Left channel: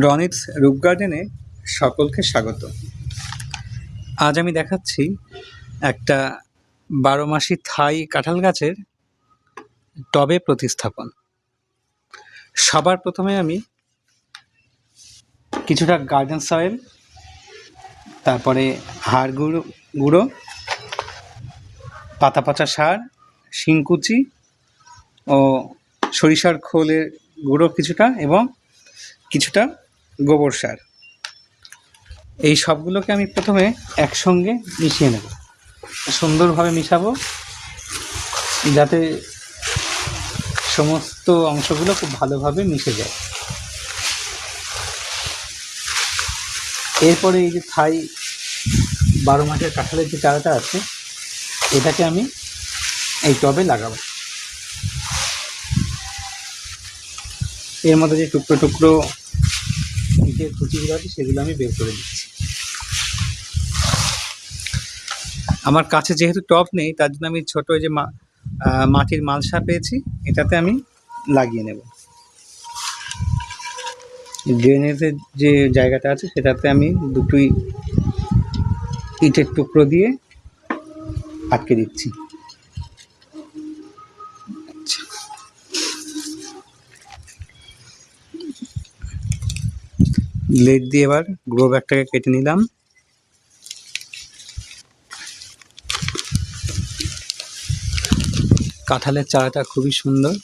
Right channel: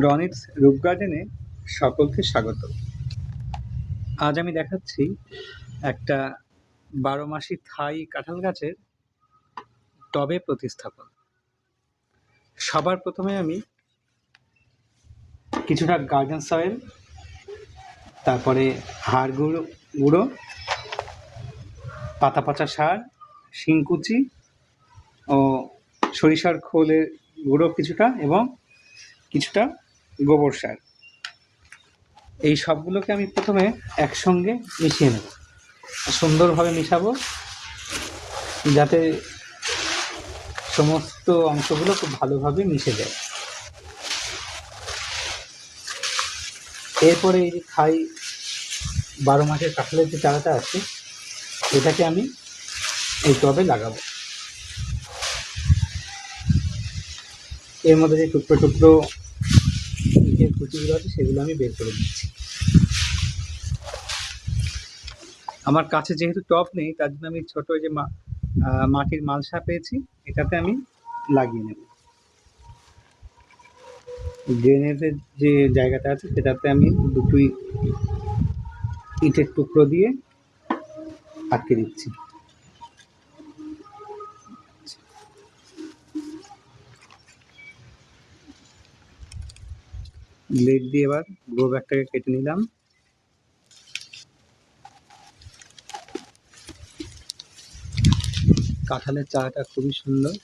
রনিতস রুপ গার্ডেনে সকলকে স্বাগত। আজ আমি দেখাচ্ছি একটা ১২ মাসি থাই কাঁঠাল গাছের টবে প্রতিস্থাপন। সবার প্রথমে আমি কিছুটা গার্ডেন সয়েল, তারপরে হাড় গুঁড়ো, পাতা পচা সার, শিংকুচি ও সরিষার খোলের গুঁড়ো কিছুটা এবং কিছুটা গোবর সার, এই সবগুলোকে আমি প্রথমে একসঙ্গে মিশিয়ে নেব। সুন্দরভাবে মিশাবো যাতে সমস্ত অংশগুলো খুব ভালোভাবে মিশে যায়। এরপরে এই যে থাই ১২ মাসের কাঁঠালের যে চারাটা আছে, এটাকে আমি এই টবে লাগাবো। এর মধ্যে যে টুকরো টুকরো ইটের কুচিগুলো আছে সেগুলো আমি বের করে দিচ্ছি। আমার কাছে যেহেতু টব নেই, তার জন্য আমি ছোটো যে মাটির মালসা পেয়েছি, এটাতে আমি লাগিয়ে নেব। ড্রেনেজের যে জায়গাটা আছে সেটাতে আমি দুটোই ইটের টুকরো দিয়ে আটকে দিচ্ছি। ব্লেড দিয়ে এবার গ্রো ব্যাগটাকে কেটে নিলাম। কাঁঠালের চারাটা খুবই সুন্দর।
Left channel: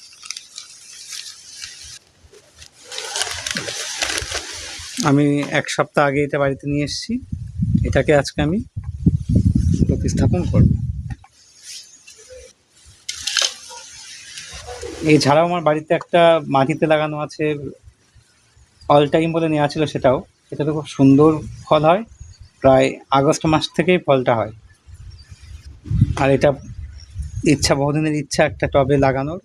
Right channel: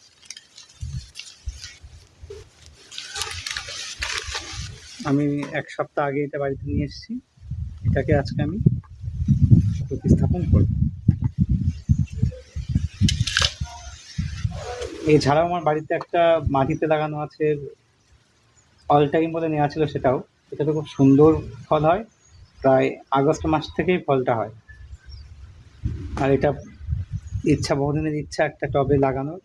আমি ১ সপ্তাহ আগে এটা বাড়িতে নিয়ে এসেছি। এটাকে আজকে আমি প্রতিস্থাপন করব। এছাড়াও আমার বাড়িতে একটা মাটিতে লাগানো আছে অল টাইম বলে নেওয়া ছিল, সেটাতে খুব সুন্দর ফল হয়। প্রায় আগস্ট মাস থেকেই ফলটা হয়। আর এটা বহুদিনের ইচ্ছা একটা টবে লাগানোর,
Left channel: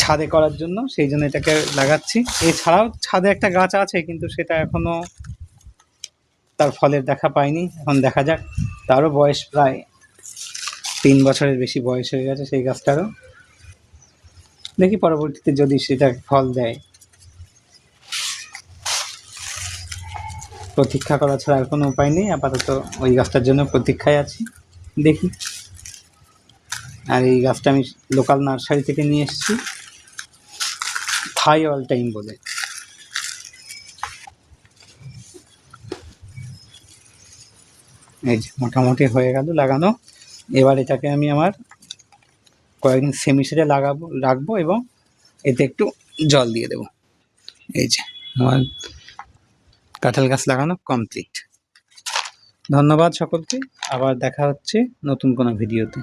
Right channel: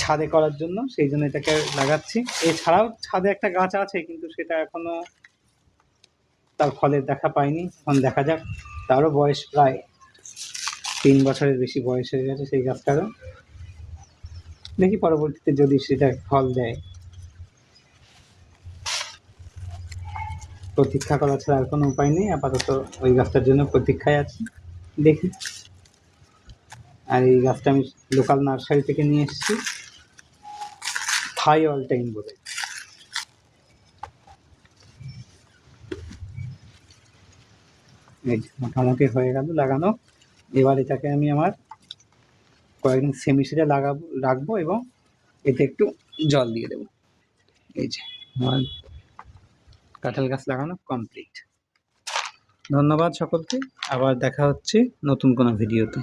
ছাদে করার জন্য, সেই জন্য এটাকে লাগাচ্ছি। এছাড়াও ছাদে একটা গাছ আছে, কিন্তু সেটা এখনও তার ফলের দেখা পায়নি। এখন দেখা যাক। তারও বয়স প্রায় ৩ বছরের বেশি বয়স হয়ে গেছে সেই গাছটারও। দেখি পরবর্তীতে যদি সেটা ফল দেয়। প্রতীক্ষা করা ছাড়া আর কোনো উপায় নেই। আপাতত ওই গাছটার জন্য প্রতীক্ষায় আছি, দেখি। আর এই গাছটা আমি লোকাল নার্সারি থেকে নিয়ে এসেছি, থাই অল টাইম বলে। এই যে মোটামুটি হয়ে গেল লাগানো। এবার এটাকে আমি আমার কয়েকদিন সেমিসেটে রাখবো এবং এতে একটু জল দিয়ে দেব। এই যে আমার কাঁঠাল গাছ লাগানো কমপ্লিট। ধন্যবাদ সকলকে। আবার দেখা হচ্ছে নতুন কোনো ভিডিওতে।